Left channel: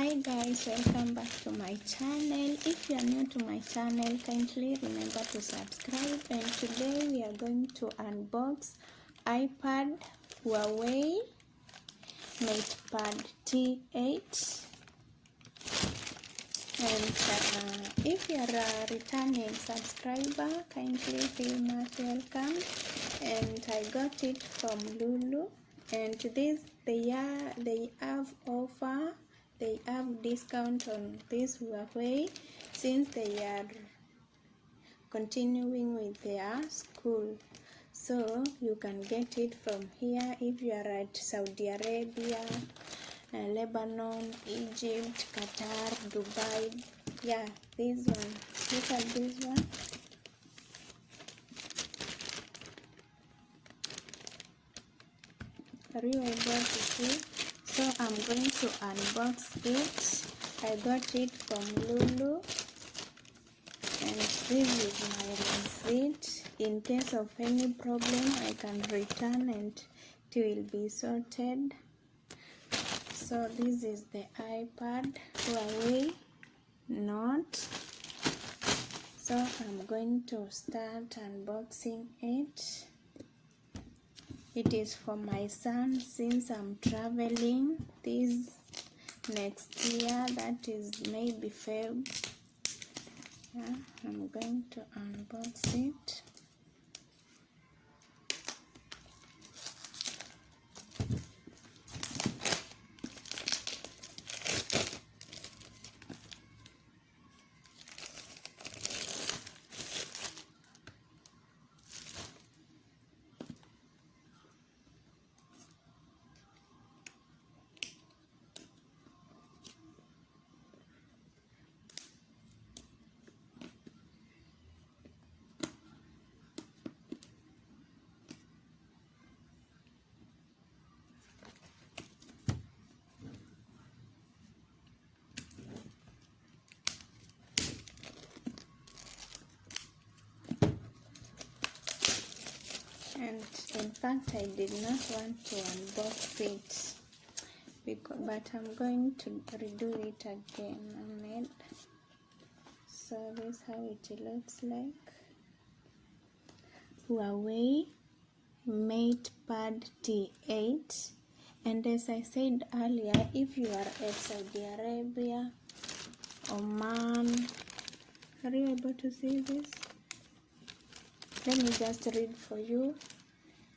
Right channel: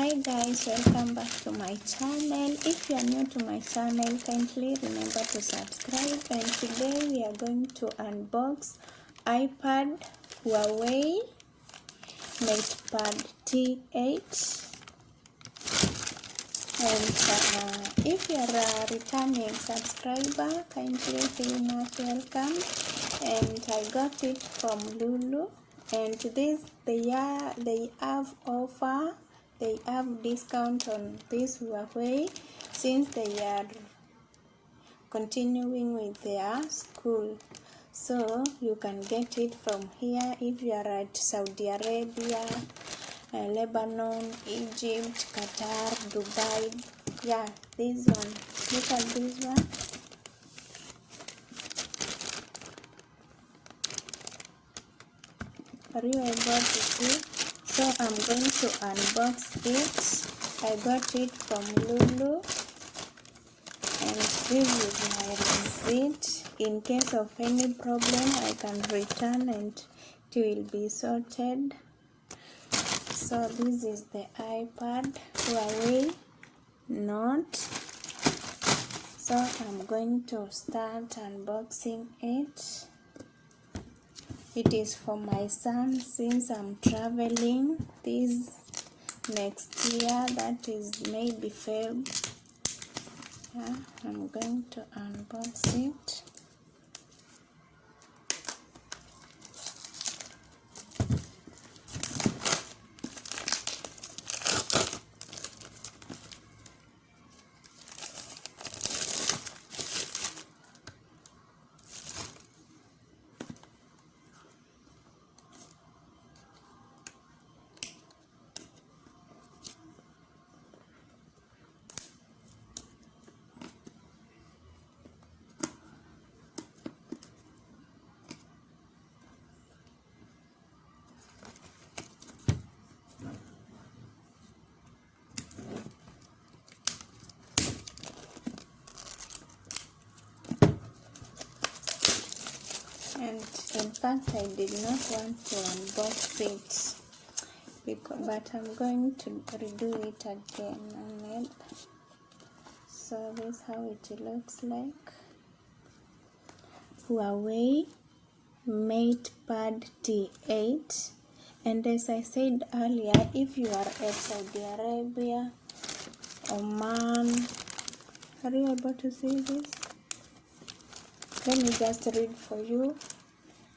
Hi guys, welcome back to my channel. If you are new to my channel, kindly remember to subscribe. And today we are going to unbox iPad Huawei MatePad T8. And if you are a returning subscriber, kindly feel most welcome. And I got it from Lulu. And they have offer. They have discount on this Huawei since they are continuing with their school. So you can get it from here if you are at Saudi Arabia, Lebanon, Egypt, Qatar, Dubai. Yeah, this one. Look at this one. Are you able to see? So I'm going to unbox it. I got it from Lulu, and this is my receipt. In case of any problem, I can return and it will be sorted. So this is the iPad Huawei Note. So I'm going to start unboxing it. It is for my son since I'm traveling this next year, that is maybe Feb. Yeah, I'm going to unbox it. And in fact, I did not want to unbox it, but I'm going to redo it again on it. So this is how it looks like. Huawei MatePad T8. And as I said earlier, if you are at Saudi Arabia, Oman, are you able to see this? Let me just read for you.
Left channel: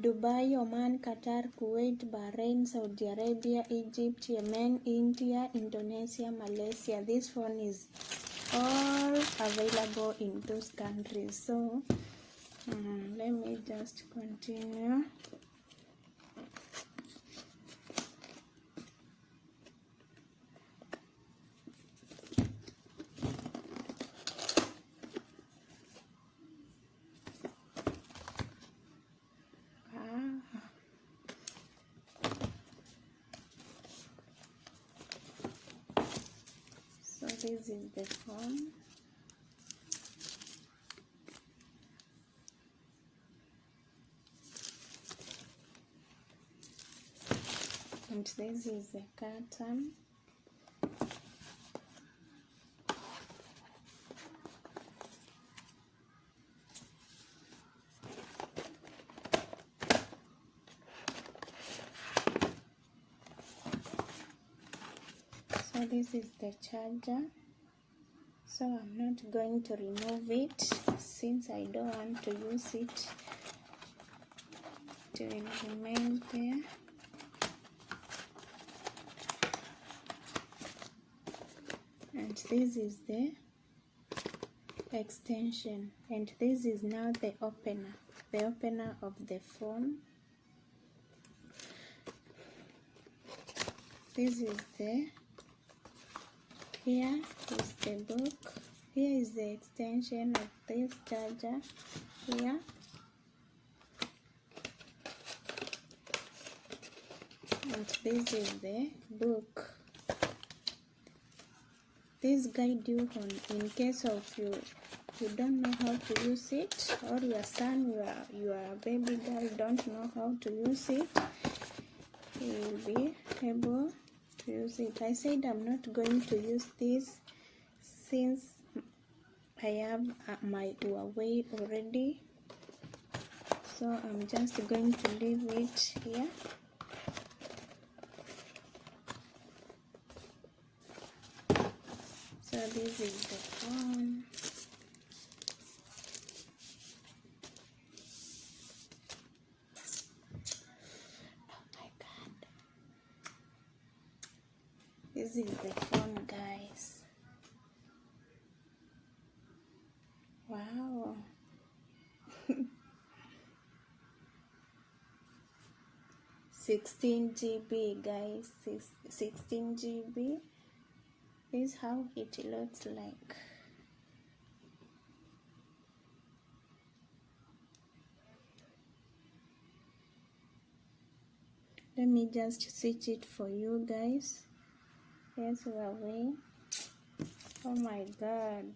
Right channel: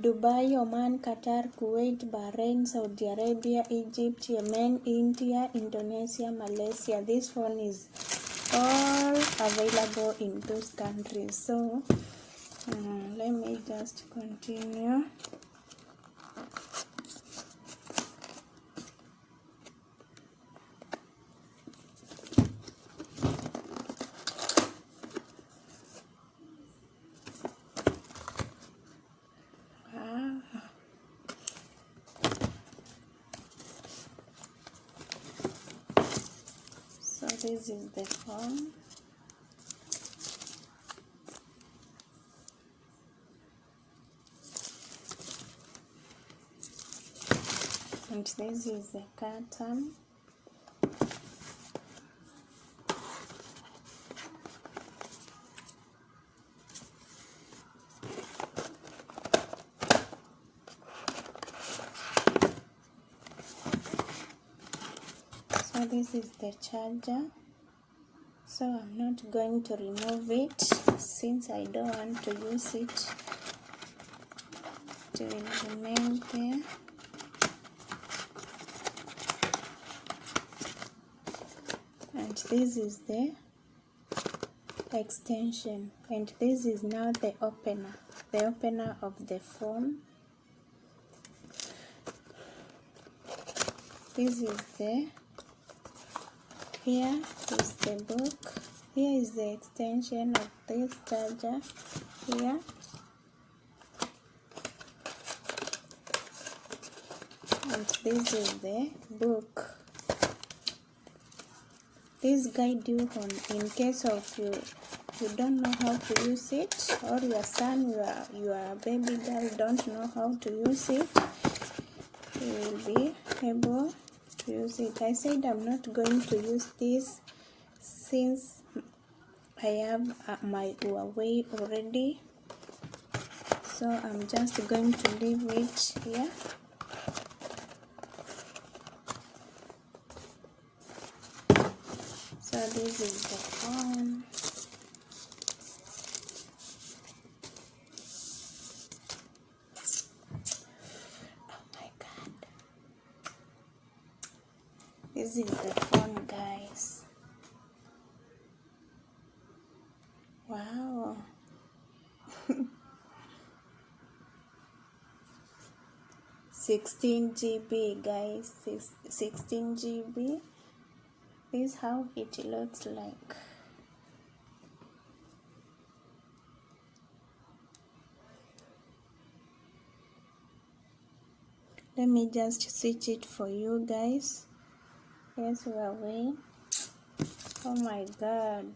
Dubai, Oman, Qatar, Kuwait, Bahrain, Saudi Arabia, Egypt, Yemen, India, Indonesia, Malaysia. This one is all available in those countries. So let me just continue. This is the phone. And this is the curtain. So this is the charger. So I'm not going to remove it since I don't want to use it. It will remain there. And this is the extension, and this is now the opener of the phone. This is here is the book. Here is the extension of this charger here. And this is the book. This guide you on in case of you don't know how to use it, or your son, your baby girl don't know how to use it. You will be able to use it. I said I'm not going to use this since I have my Huawei already, so I'm just going to leave it here. So this is the phone. Oh my god, this is the phone, guys. Wow. 16 GB, guys. 16 GB. This is how it looks like. Let me just switch it for you guys. Yes, Huawei. Oh my god.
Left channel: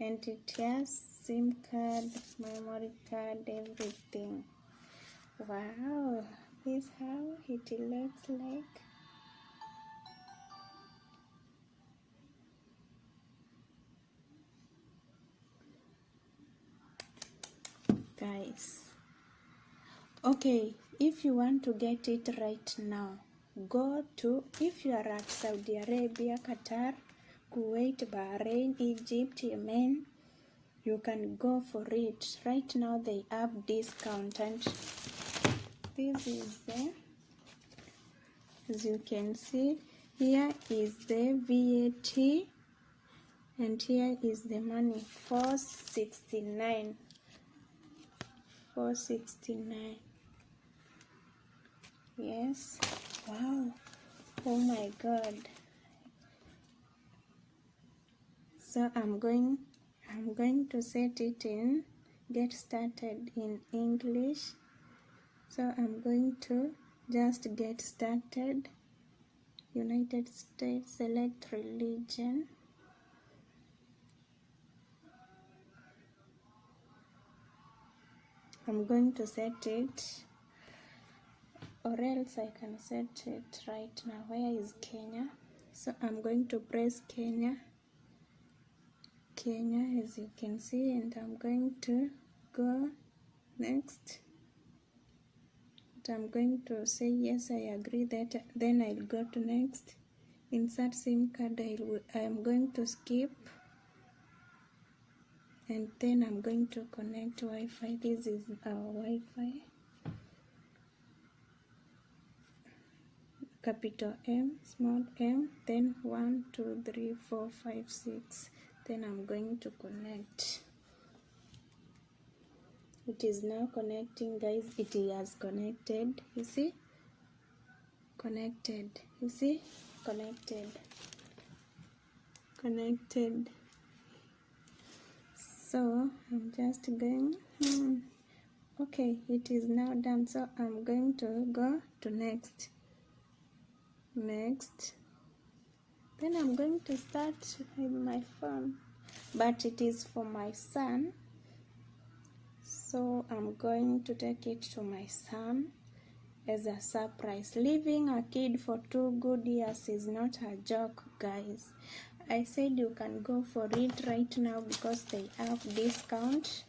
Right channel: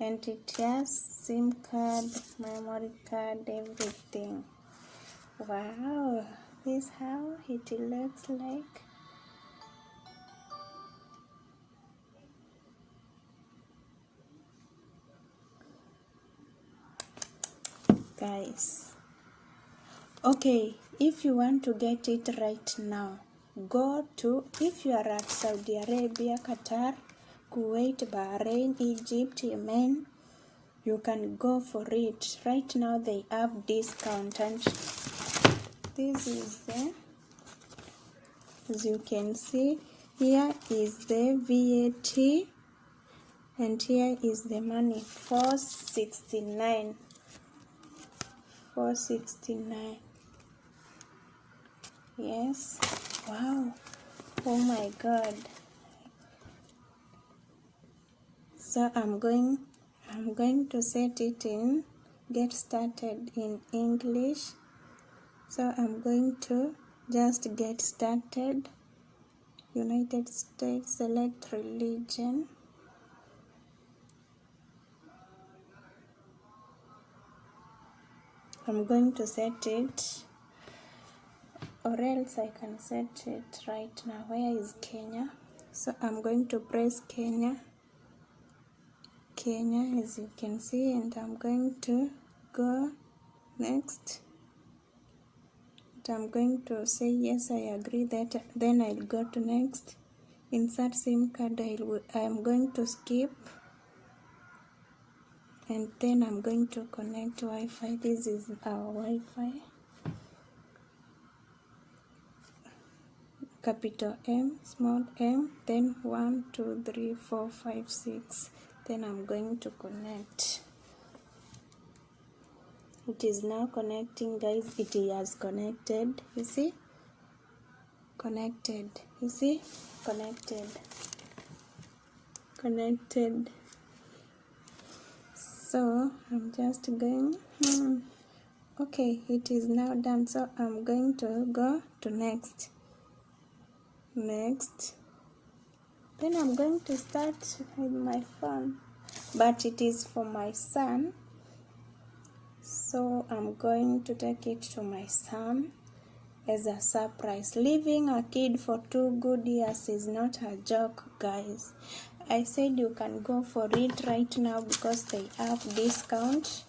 And it has SIM card, memory card, everything. Wow, this is how it looks like. Guys, okay, if you want to get it right now, go to, if you are at Saudi Arabia, Qatar, Kuwait, Bahrain, Egypt, Yemen, you can go for it. Right now they have discount, and this is the, as you can see, here is the VAT, and here is the money, 469. 469. Yes. Wow. Oh my god. So I'm going to set it in get started in English. So I'm going to just get started. United States, select religion. I'm going to set it, or else I can set it right now. Where is Kenya? So I'm going to press Kenya, as you can see, and I'm going to go next. And I'm going to say yes, I agree that. Then I'll go to next. Insert SIM card. I am going to skip. And then I'm going to connect Wi-Fi. This is our Wi-Fi. Capital M, small m, then 1, 2, 3, 4, 5, 6. Then I'm going to connect. It is now connecting, guys. It has connected. You see? Connected. You see? Connected. Connected. So I'm just going, okay, it is now done. So I'm going to go to next. Then I'm going to start with my phone, but it is for my son, so I'm going to take it to my son as a surprise. Leaving a kid for 2 good years is not a joke, guys. I said you can go for it right now because they have discount.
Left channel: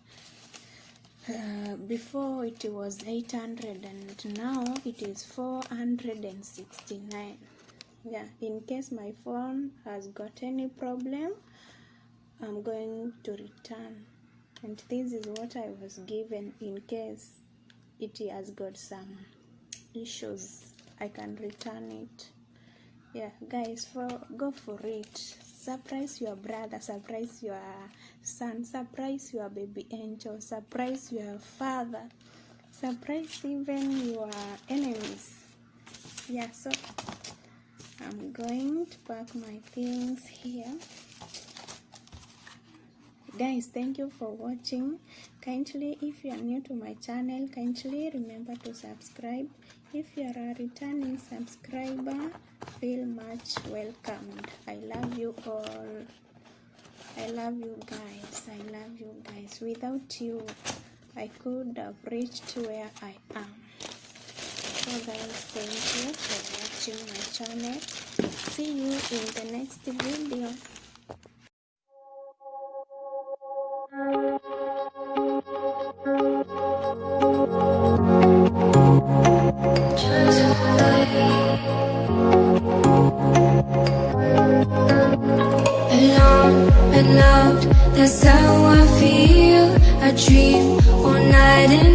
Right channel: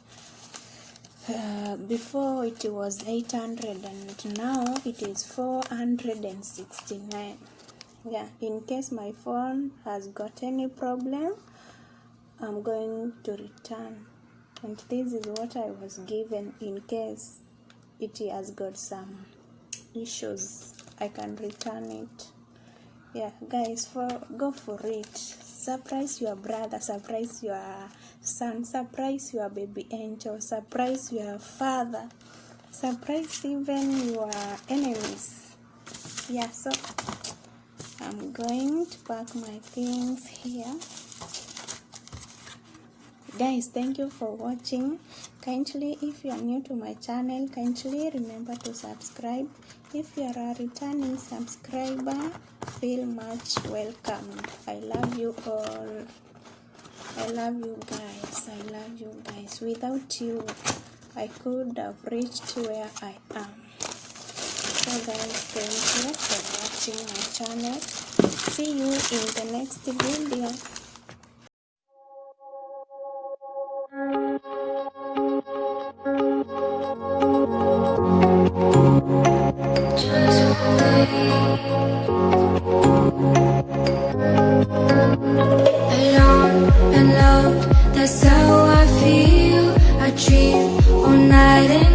Before it was 800 and now it is 469. Yeah, in case my phone has got any problem, I'm going to return. And this is what I was given in case it has got some issues. I can return it. Yeah, guys, go for it. Surprise your brother, surprise your son, surprise your baby angel, surprise your father, surprise even your enemies. Yeah, so I'm going to pack my things here. Guys, thank you for watching. Kindly, if you are new to my channel, kindly remember to subscribe. If you are a returning subscriber, feel much welcomed. I love you all. I love you guys. I love you guys. Without you, I could have reached where I am. So guys, thank you for watching my channel. See you in the next video. Alone and loved, that's how I feel. I dream all night and